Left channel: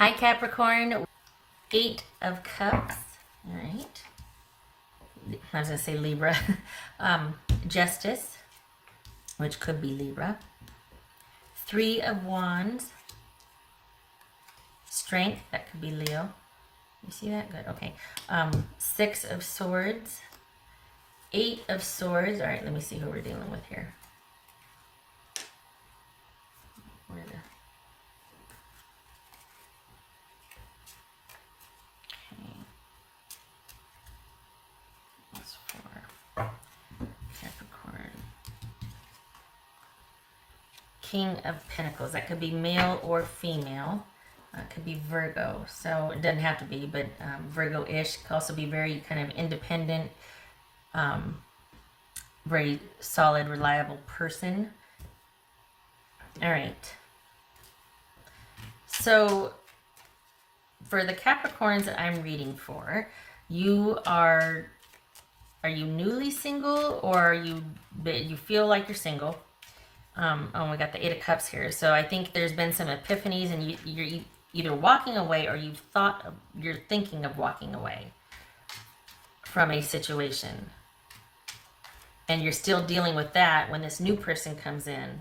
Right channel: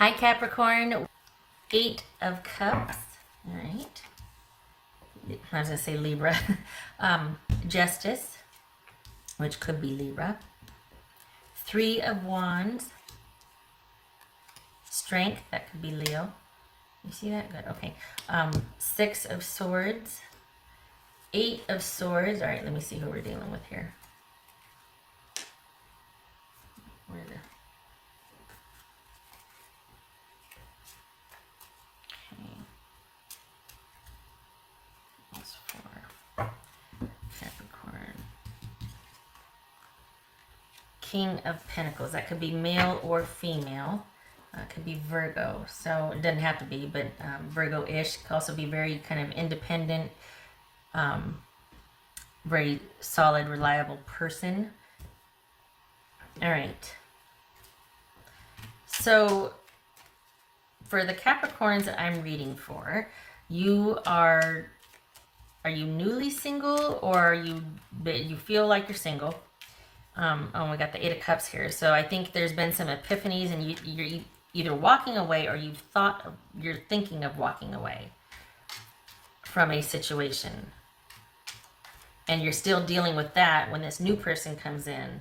Hi Capricorn, 8 of Cups, all right. I was going to say Libra. Justice, which could be Libra. 3 of Wands. Strength, that could be Leo. You see that? Good, okay. 6 of Swords. 8 of Swords. All right, let me see who we're dealing with here. King of Pentacles. That could be male or female. Could be Virgo. So it doesn't have to be, but Virgo-ish. Could also be very kind of independent, very solid, reliable person. All right. So for the Capricorns that I'm reading for, are you newly single, or you feel like you're single? Oh, we got the 8 of Cups here. So I think there's been some epiphanies, and you're either walking away, or you're thinking of walking away from a situation. And you're still dealing with that when this new person comes in.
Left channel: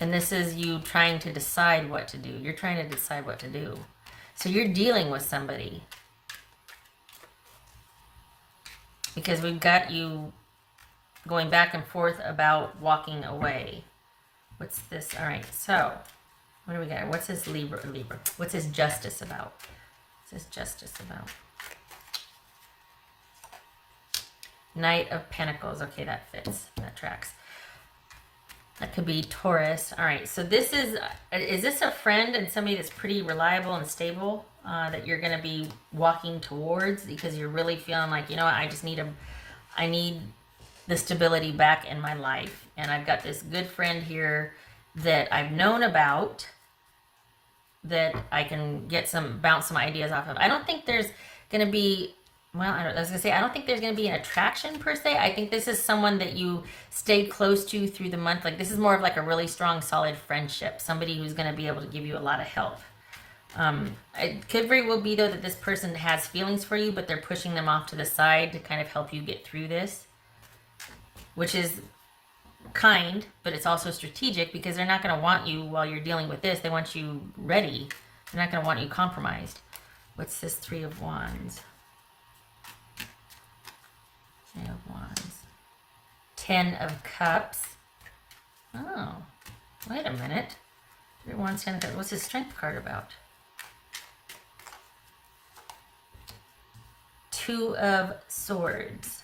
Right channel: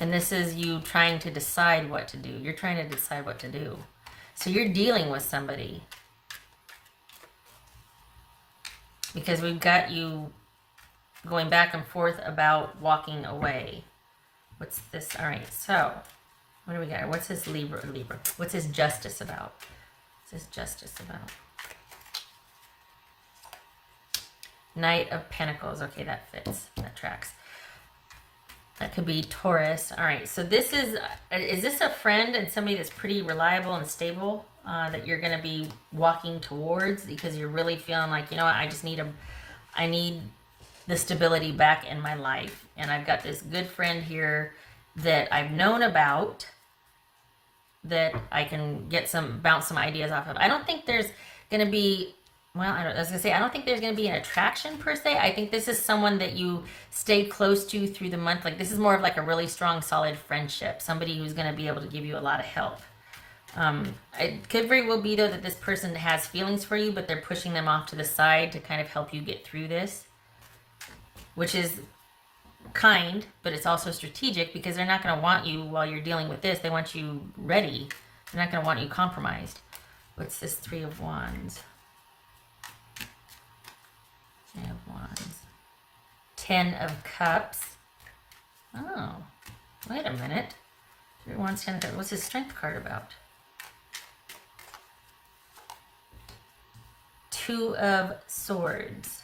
And this is you trying to decide what to do. You're trying to decide what to do. So you're dealing with somebody. Because we've got you going back and forth about walking away. What's this? All right, so what do we got? What's this Libra? What's this Justice about? What's this Justice about? Knight of Pentacles. Okay, that fits. That tracks. That could be Taurus. All right, so this is this a friend and somebody that's pretty reliable and stable that you're going to be walking towards, because you're really feeling like, you know what, I need the stability back in my life, and I've got this good friend here that I've known about that I can bounce some ideas off of. I don't think there's going to be, well, I don't think there's going to be an attraction per se. I think this is someone that you stay close to through the month. Like, this is more of like a really strong, solid friendship. Somebody who's going to be able to give you a lot of help. It could very well be, though, that this person has feelings for you, but they're pushing them off to the side to kind of help you get through this. Which is kind, but it's also strategic, because they're not going to want you while you're dealing with this. They want you ready. They're not going to want you compromised. What's this 3 of Wands? 3 of Wands. 10 of Cups. Oh, wait a minute. 3 of Wands, 10 of Cups. What's the Strength card about? 2 of Swords.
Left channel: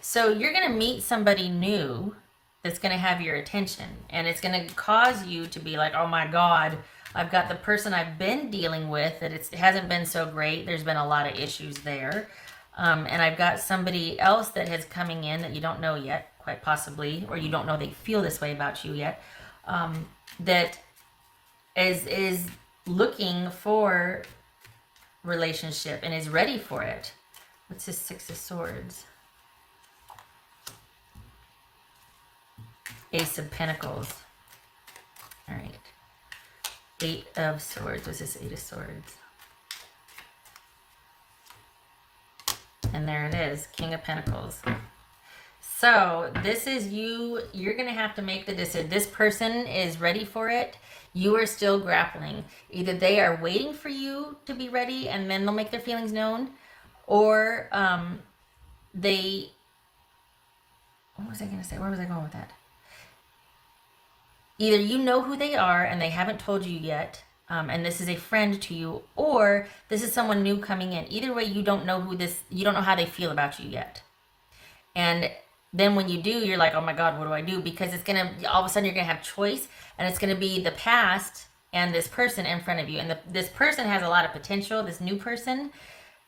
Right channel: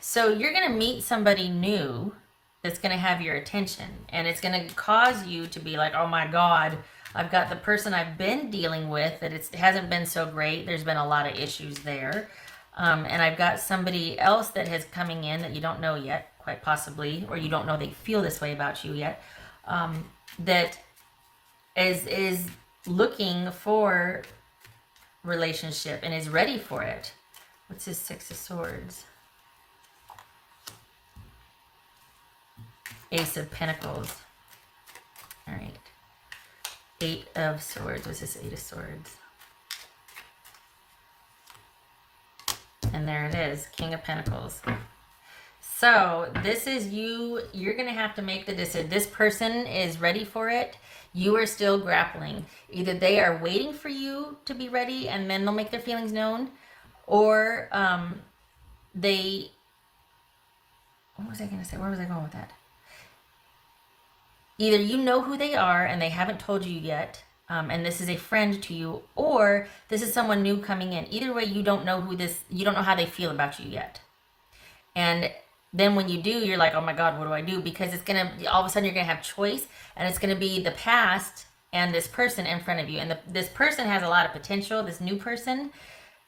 So you're going to meet somebody new that's going to have your attention, and it's going to cause you to be like, oh my God, I've got the person I've been dealing with, and it hasn't been so great. There's been a lot of issues there. And I've got somebody else that is coming in that you don't know yet, quite possibly, or you don't know they feel this way about you yet, that is looking for relationship and is ready for it. What's this 6 of Swords? Ace of Pentacles. All right. 8 of Swords. What's this 8 of Swords? And there it is, King of Pentacles. So this is you. You're going to have to make the decision. This person is ready for it. You are still grappling. Either they are waiting for you to be ready, and then they'll make their feelings known, or they... What was I going to say? Where was I going with that? Either you know who they are and they haven't told you yet, and this is a friend to you, or this is someone new coming in. Either way, you don't know you don't know how they feel about you yet. And then when you do, you're like, oh my God, what do I do? Because it's going to, all of a sudden you're going to have choice, and it's going to be the past and this person in front of you. And this person has a lot of potential, this new person.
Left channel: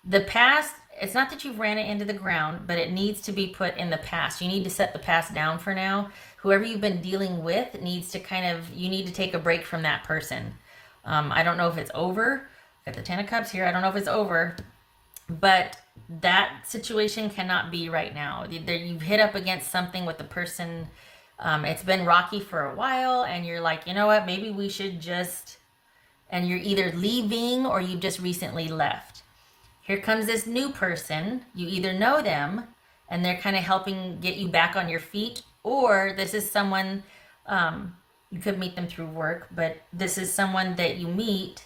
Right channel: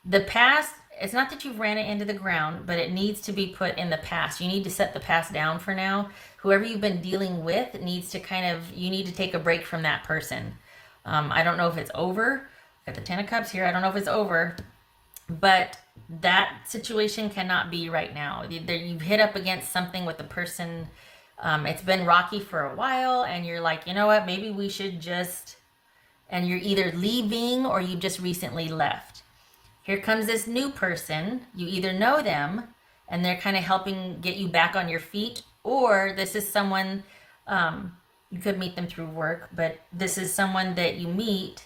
The past, it's not that you've ran it into the ground, but it needs to be put in the past. You need to set the past down for now. Whoever you've been dealing with needs to you need to take a break from that person. I don't know if it's over. Got the 10 of Cups here. I don't know if it's over, but that situation cannot be right now. You've hit up against something with the person. It's been rocky for a while, and you're like, you know what, maybe we should just, and you're either leaving or you just recently left. Here comes this new person. You either know them and they're kind of helping get you back on your feet, or this is someone, you could meet them through work, but this is someone that you meet,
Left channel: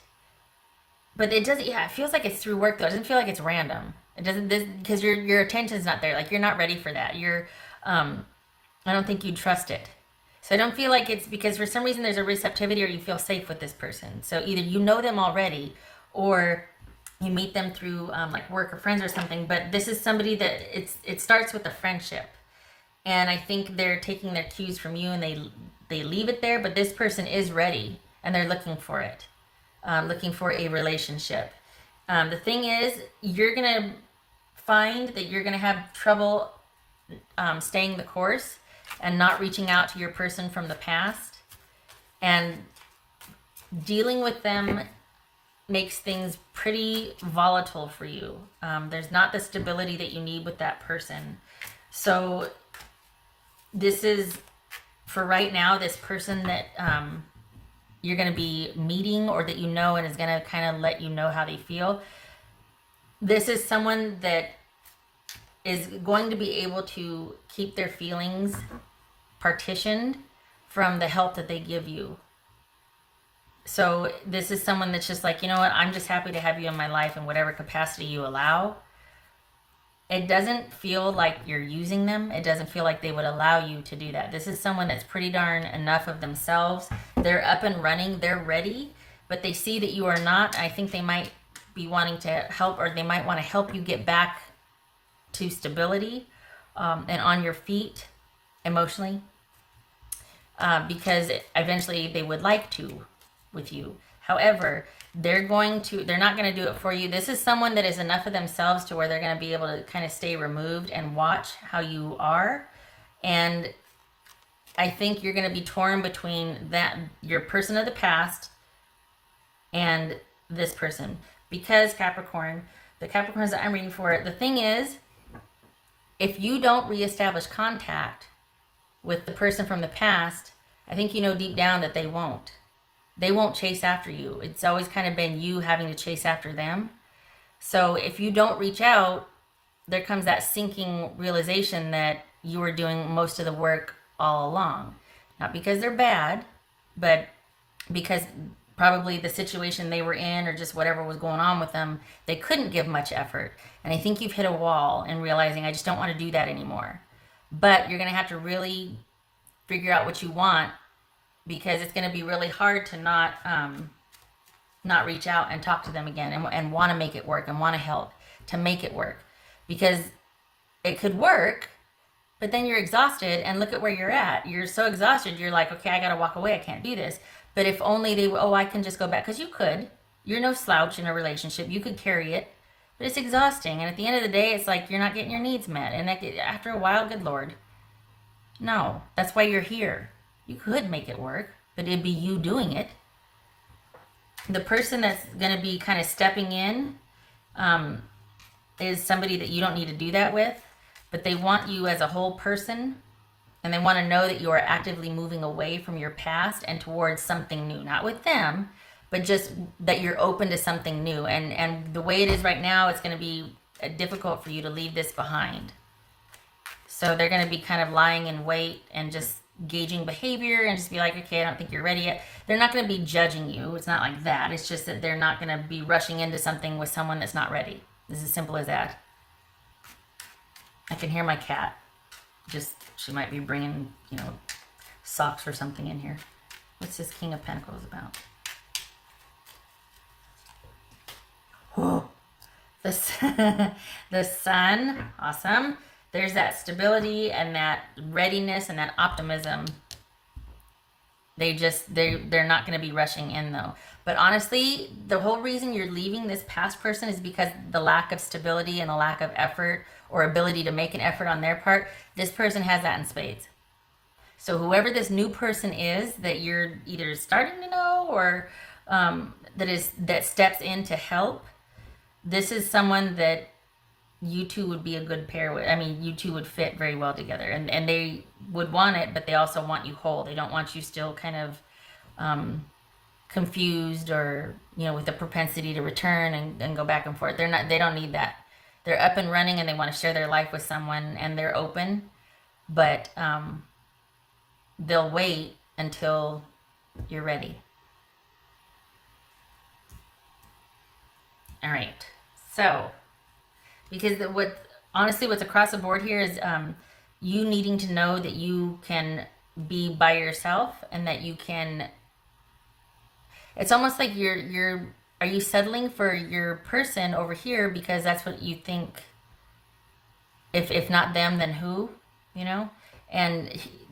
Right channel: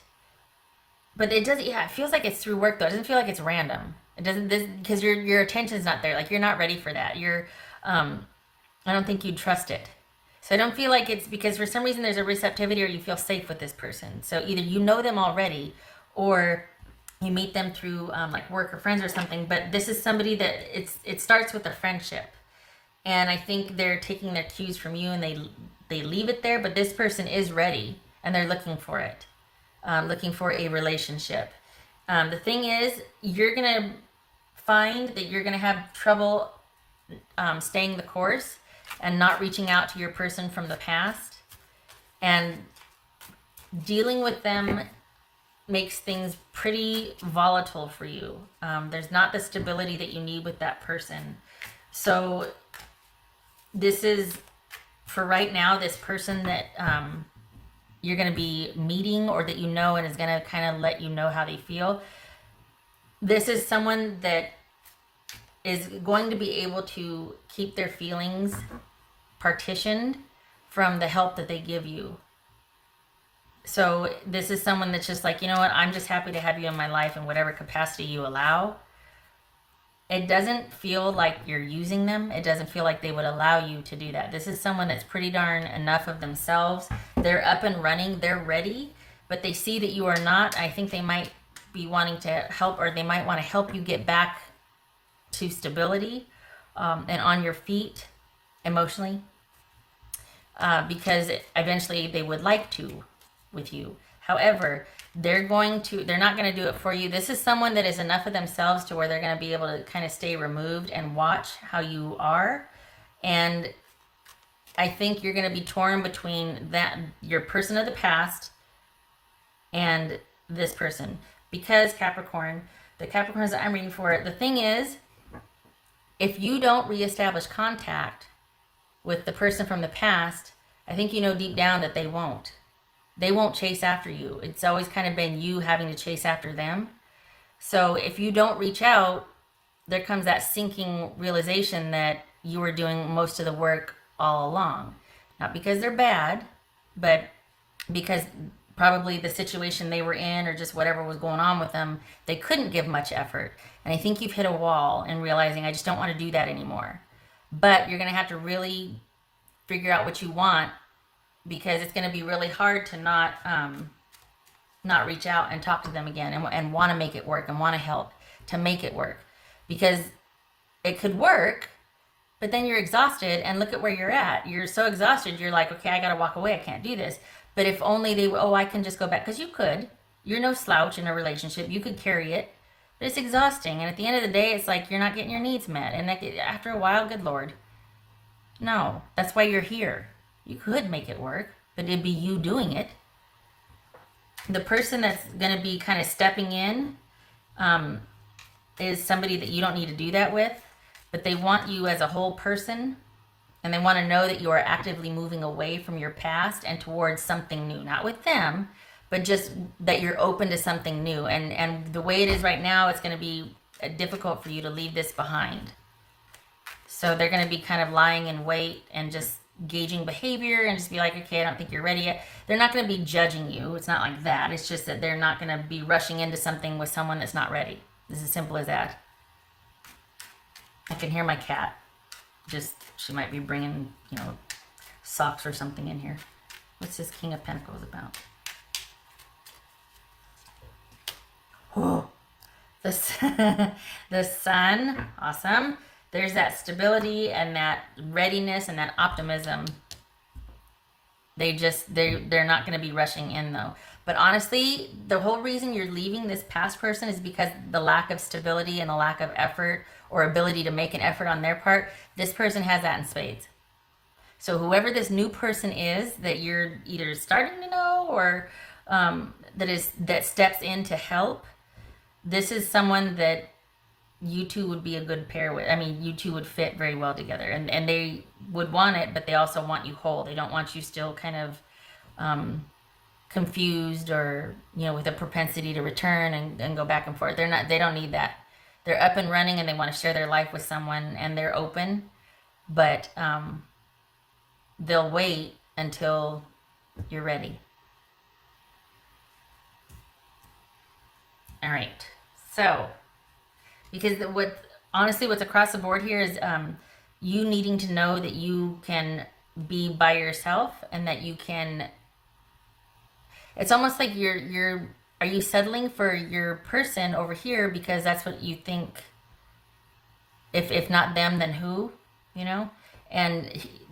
but it doesn't, yeah, it feels like it's through work though. It doesn't feel like it's random. It doesn't, because your attention's not there. Like, you're not ready for that. I don't think you trust it. So I don't feel like it's because for some reason there's a receptivity or you feel safe with this person. So either you know them already or you meet them through like work or friends or something. But this is somebody that it starts with a friendship. And I think they're taking their cues from you and they leave it there. But this person is ready and they're looking for it, looking for a relationship. The thing is, you're going to find that you're going to have trouble staying the course and not reaching out to your person from the past, and dealing with them makes things pretty volatile for you. There's not the stability that you need with that person. So this is, for right now, this person that you're going to be meeting or that you know and is going to kind of let you know how they feel. This is someone that is going to be able to keep their feelings partitioned from the help that they give you. So this is someone that's just like, you know what, I'm just happy to have you in my life in whatever capacity you allow. It doesn't feel like you're using them. It doesn't feel like they would allow you to do that. This is someone that's pretty darn enough of themselves. They're up and running. They're ready, but they see that you are not. I think they might be wanting to help, or they might want to help you get back to stability and on your feet emotionally, because eventually they would like to with you. However, they're not going to do it for you. This is someone that is enough of themselves to where they're going to be able to kind of stay removed and watch how you are. And I think you're going to be torn between your person of the past and this person. Because Capricorn, the Capricorns that I'm reading for, the thing is, if you don't reestablish contact with the person from the past, I think you know deep down that they won't. They won't chase after you. It's always kind of been you having to chase after them. So if you don't reach out, there comes that sinking realization that you were doing most of the work all along. Not because they're bad, but because probably the situation they were in or just whatever was going on with them, they couldn't give much effort. And I think you've hit a wall in realizing, I just don't want to do that anymore. But you're going to have to really figure out what you want, because it's going to be really hard to not reach out and talk to them again and want to make it work and want to help to make it work. Because it could work, but then you're exhausted, and look at where you're at. You're so exhausted, you're like, okay, I got to walk away. I can't do this. But if only I can just go back. Because you could. You're no slouch in a relationship. You could carry it. But it's exhausting. And at the end of the day, it's like you're not getting your needs met. And after a while, good Lord. No, that's why you're here. You could make it work, but it'd be you doing it. The person that's going to be kind of stepping in is somebody that you don't need to do that with, but they want you as a whole person, and they want to know that you are actively moving away from your past and towards something new. Not with them, but just that you're open to something new. And the way it is right now, it's going to be difficult for you to leave this behind. So they're going to be kind of lying in wait and just gauging behavior and just be like, okay, I don't think you're ready yet. They're not going to be judging you. It's not like that. It's just that they're not going to be rushing into something with someone that's not ready. It's as simple as that. I can hear my cat. She might be bringing, socks or something in here. What's this King of Pentacles about? Oh, the Sun, awesome. There's that stability and that readiness and that optimism. They're not going to be rushing in though. But honestly, the whole reason you're leaving this past person is because the lack of stability and the lack of effort or ability to make an effort on their part. This person has that in spades. So whoever this new person is that you're either starting to know or that steps in to help, this is someone that you two would be a good pair with, I mean, you two would fit very well together, and they would want it, but they also want you whole. They don't want you still kind of confused, or, you know, with a propensity to return and go back and forth. They don't need that. They're up and running and they want to share their life with someone, and they're open, but they'll wait until you're ready. All right. So, because honestly, what's across the board here is you needing to know that you can be by yourself, and that you can. It's almost like are you settling for your person over here because that's what you think? If not them, then who? You know? And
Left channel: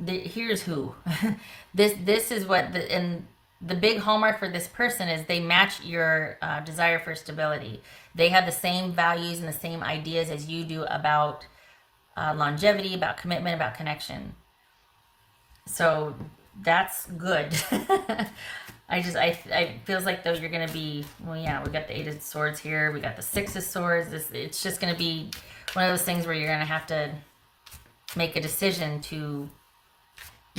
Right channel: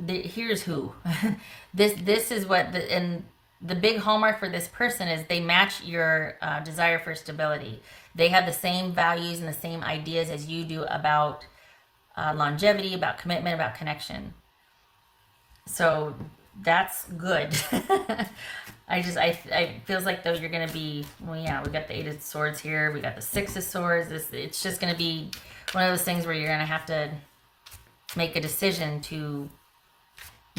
here's who. This is what, and the big hallmark for this person is they match your desire for stability. They have the same values and the same ideas as you do about longevity, about commitment, about connection. So that's good. I feels like those are going to be, well, yeah, we got the 8 of Swords here. We got the 6 of Swords. It's just going to be one of those things where you're going to have to make a decision to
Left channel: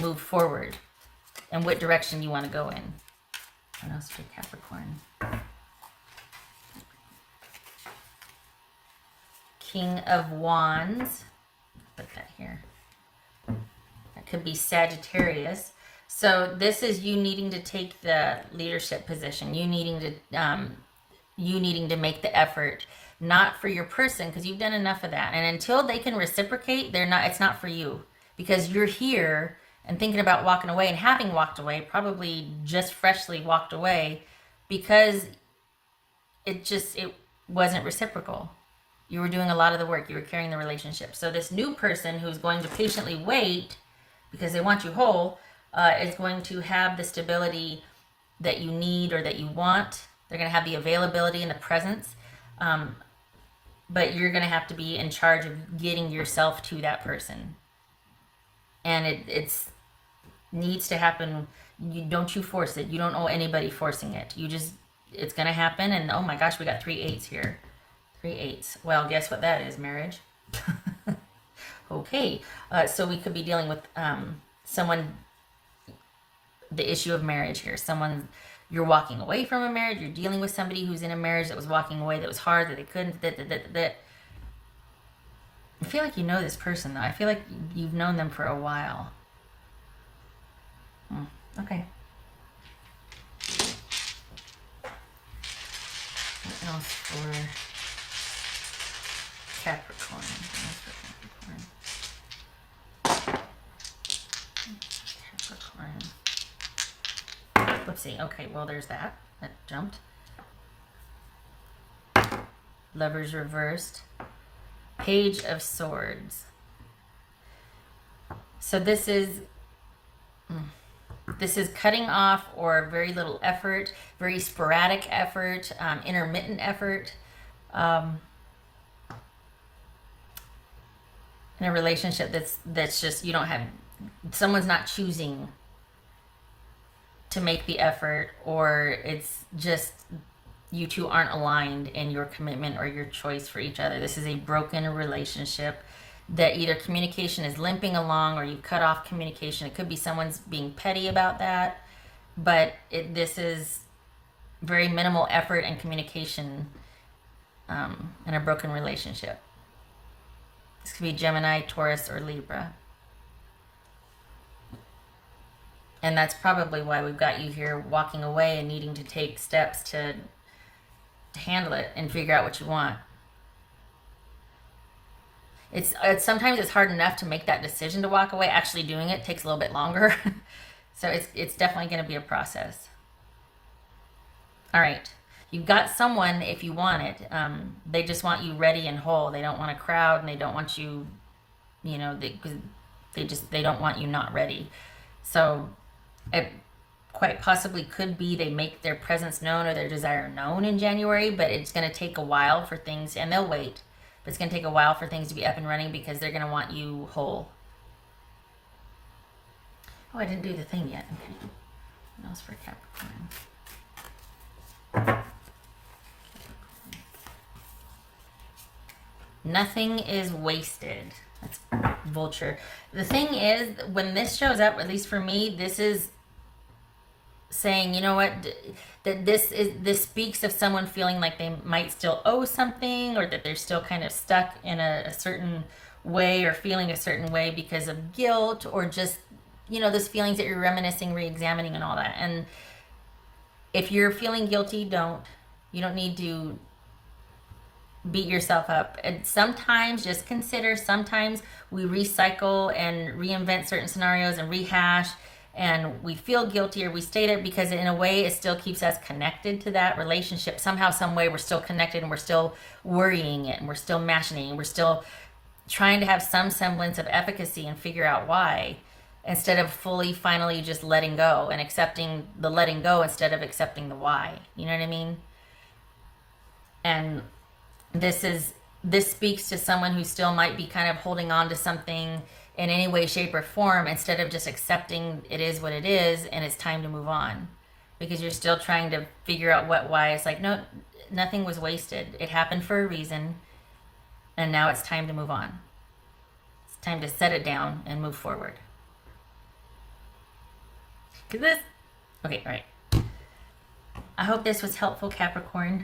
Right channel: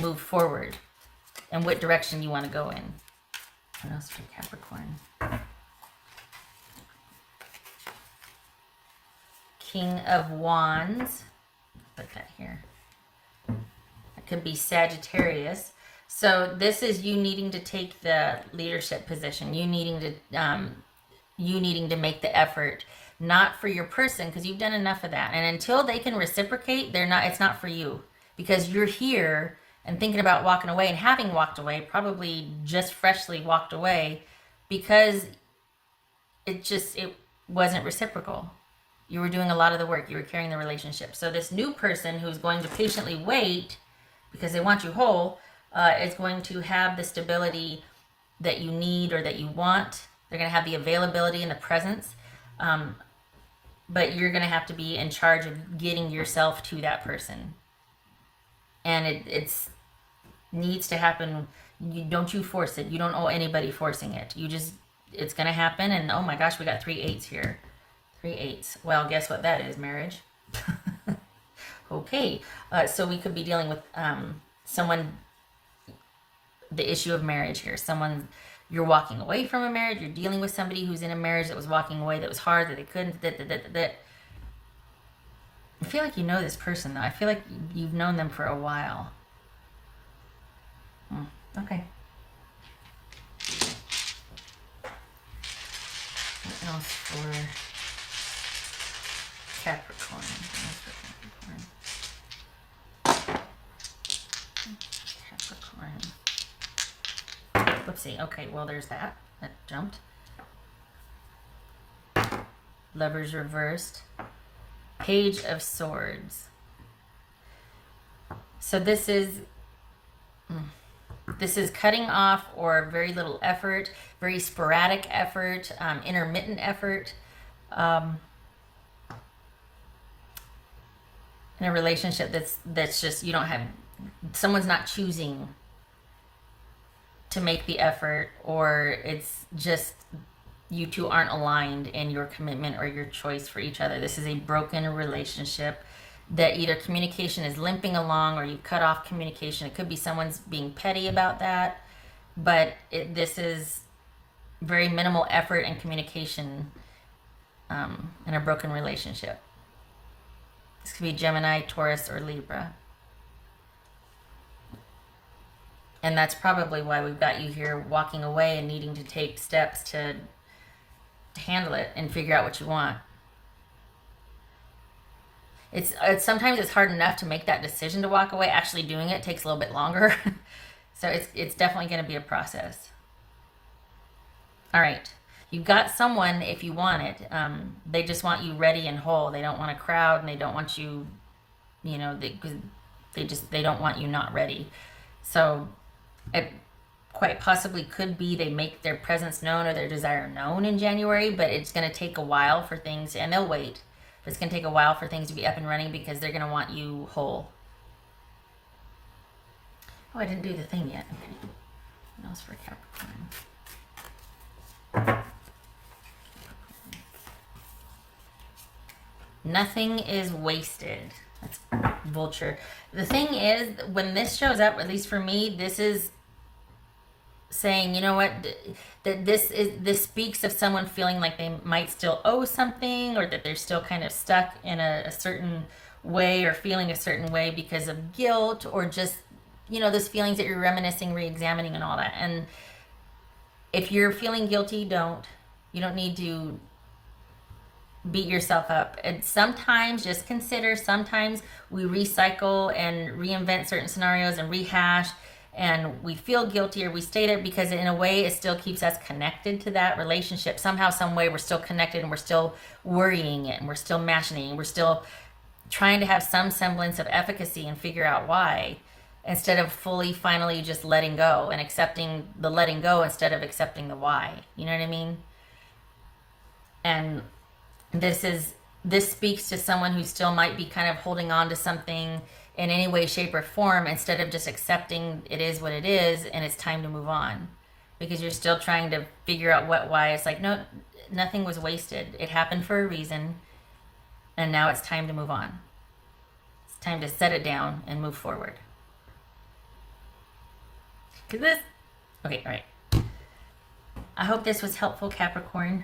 move forward and what direction you want to go in. What else for Capricorn? King of Wands. Put that here. That could be Sagittarius. So this is you needing to take the leadership position. You needing to make the effort, not for your person, because you've done enough of that. And until they can reciprocate, it's not for you, because you're here and thinking about walking away, and having walked away, probably just freshly walked away, because it wasn't reciprocal. You were doing a lot of the work. You were carrying the relationship. So this new person who's going to patiently wait because they want you whole is going to have the stability that you need or that you want. They're going to have the availability and the presence. But you're going to have to be in charge of getting yourself to that person. And it's needs to happen. Don't you force it. You don't owe anybody forcing it. It's going to happen. And oh my gosh, we got 3 8s here. 3 8s. Well, guess what that is? Marriage. Okay. So we could be dealing with someone, the issue of marriage here. Someone, you're walking away from a marriage. You're dealing with somebody who's in a marriage that was walking away, that was hard, that they couldn't, that. I feel like you know this person, though. I feel like you've known them for a while. Okay. What else for Capricorn? Let's see. Okay, well, there's that. That jumped. Lovers reversed. Page of Swords. So this is cutting off, or very little effort, very sporadic effort, intermittent effort, in a relationship that's just, you don't have, someone's not choosing to make the effort, or it's just you two aren't aligned in your commitment or your choice for each other. This is a broken relationship that either communication is limping along, or you've cut off communication. It could be someone's being petty about that, but this is very minimal effort and communication in a broken relationship. This could be Gemini, Taurus, or Libra. And that's probably why we've got you here walking away and needing to take steps to handle it and figure out what you want. It's sometimes it's hard enough to make that decision to walk away. Actually doing it takes a little bit longer. So it's definitely going to be a process. All right. You've got someone, if you want it. They just want you ready and whole. They don't want a crowd, and they don't want you, they don't want you not ready. So it quite possibly could be they make their presence known or their desire known in January, but it's going to take a while for things, and they'll wait. But it's going to take a while for things to be up and running, because they're going to want you whole. Oh, I didn't do the thing yet. Okay. That's for Capricorn. Nothing is wasted. Vulture. The thing is, when this shows up, at least for me, this is saying, you know what, that this speaks of someone feeling like they might still owe something, or that they're still kind of stuck in a certain way, or feeling a certain way because of guilt, or just, you know, those feelings that you're reminiscing, re-examining, and all that. And if you're feeling guilty, you don't need to beat yourself up. And sometimes, just consider, sometimes we recycle and reinvent certain scenarios and rehash, and we feel guilty or we state it because in a way it still keeps us connected to that relationship. Somehow, some way, we're still connected, and we're still worrying it, and we're still mashing, and we're still trying to have some semblance of efficacy and figure out why, instead of fully, finally just letting go and accepting the letting go instead of accepting the why. You know what I mean? And this speaks to someone who still might be kind of holding on to something in any way, shape, or form, instead of just accepting it is what it is and it's time to move on, because you're still trying to figure out why. It's like, no, nothing was wasted. It happened for a reason, and now it's time to move on. It's time to set it down and move forward. Okay, all right. I hope this was helpful, Capricorn.